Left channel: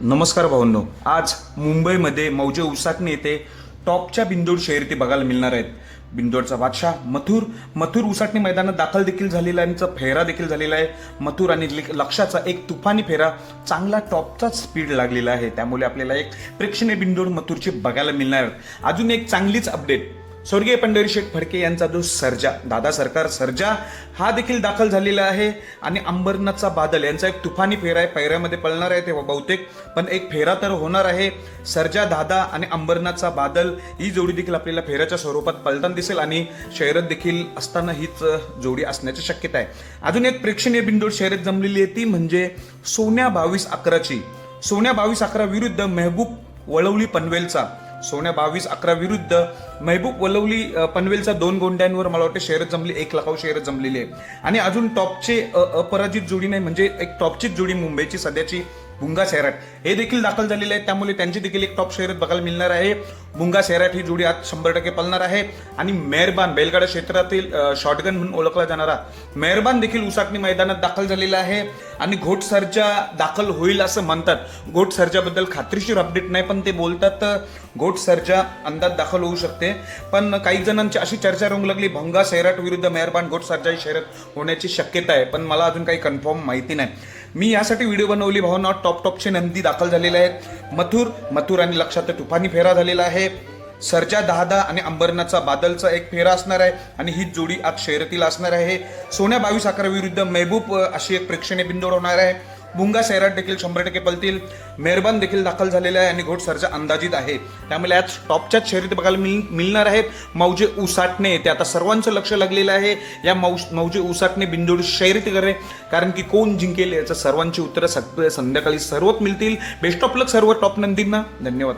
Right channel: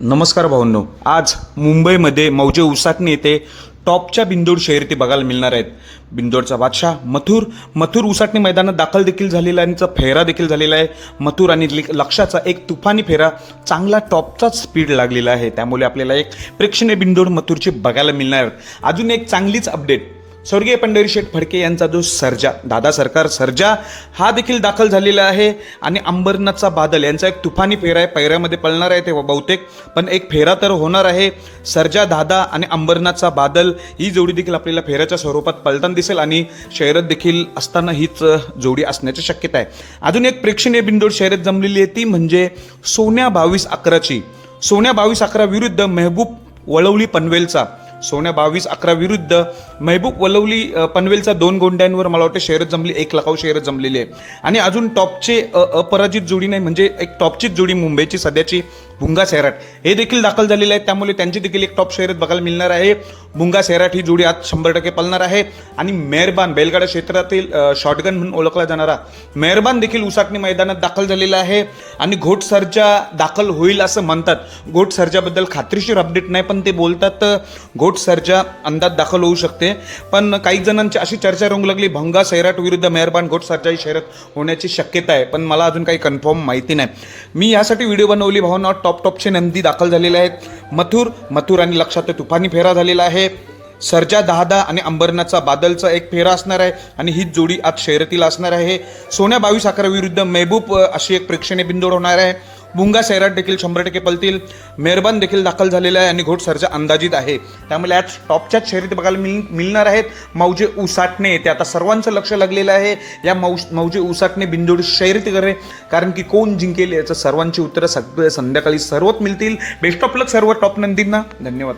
नमस्कार भाऊंनो, आज मुंबईमध्ये मौजे उसाटणे येथे टॉपच्या बिंदोड शर्यती बघायला मिळणार आहेत. बिंदोडचा बादशाह मथुर उसाटणे मैदानात दाखल देखील झालेला आहे. त्यांचा फेरा देखील झालेला आहे. मथुर आणि लक्षाचा एक तुफानी फेरा, चांगला टॉपचा स्पीड लागलेला आहे. त्यामुळे आपल्याला एक प्रेक्षणीय बिंदोड मथुरचे बघायला मिळणार आहेत. अजून एक चांगलीच अपडेट, स्वर्गीय पंढरी शेठ फडके यांचा जो सर्जा, दादा सरकार सर्जा, हा देखील दाखल झालेला आहे. आणि अंबरनाथचा बादल यांचा एक तुफानी फेरा आहे. पैऱ्यामध्ये पळणार आहे ते बहुतेक, पण एक फेरा तर होणार आहे. सर्जा दादा आणि अंबरनाथचा बादल ही जोडी देखील आपल्याला फेऱ्याच्या स्वरूपात पळताना दिसेल आणि शर्यत देखील असताना हीच जोडी असण्याची शक्यता आहे. अजून एक प्रेक्षणीय बिंदोड शर्यत जमलेली आहे, ती म्हणजे सोन्या 22-11ची. सोन्या 22-11 विरुद्ध महबूब वळवली पनवेलचा. सोन्या 22-11 विरुद्ध महबूब वलवली पनवेलचा 2 गोंड्यांवर मला वाटतं शर्यत जमली, 1 लाखावर शर्यत जमलेली आहे. आणि अजून टॉपचे अपराजित जोडी नाही, म्हणजे एक टॉपचीच जोडी मुंबईची सध्याची भुंगा सैराट हे देखील दाखल झालेले आहेत. त्यामुळे त्यांची देखील एक टॉप शर्यत बघायला मिळणार आहे. भुंगा सैराट ही जोडी आज 100% पळणार आहे. आणि मेहरबान, बैलगाडा क्षेत्रातील शॉटगन म्हणून ओळखला जाणारा मेहरबान देखील उसाटणी मैदानात दाखल झालेला आहे. आणि घोट सर्जा दाखल होईल असं म्हणतात. घोट सर्जाबद्दल खात्रीशीर अपडेट नाही, पण ते बोलतात घोट सर्जा अंदाज दाखल होऊ शकते. पण काही जणांची अशी चर्चा रंगू लागली, भुंगा सैराट विरुद्ध मेहरबान घोट सर्जा ही शर्यत होण्याची शक्यता आहे, पण मला अजून काही कन्फर्म माहिती नाही. मी यासाठी व्हिडिओ बनवली भावना. टॉपचे नंदी दाखल झालेले आहेत. मथुर आणि लक्षात तुफानी फेरा झालेला आहे. सर्जा दहादा आणि अंबरनाथचा बादलचा एक फेरा असणार आहे आणि हीच जोडी आज शर्यतीला असणार आहे. सोन्या 22-11 विरुद्ध महबूब अशी एक प्रेक्षणीय बिंदोड होणार आहे. भुंगा सैराट देखील 100% पळतील. मेहरबान देखील दाखल झालेला आहे आणि घोट सर्जा अंदाजित आहे. त्यामुळे आज टॉपच्याच शर्यती बघायला मिळणार आहेत. मौजे उसाटणे येते, आता सर्वांचं लक्ष लागलेलं आहे या मौजे उसाटणे बिंदोड शर्यतीकडे, कारण की कोण जिंकेल याचं सर्वांची उत्तरं संध्याकाळी सर्वच मिळतील. बेस्ट ऑफ लक सर्व टॉप नंदींना. धन्यवाद.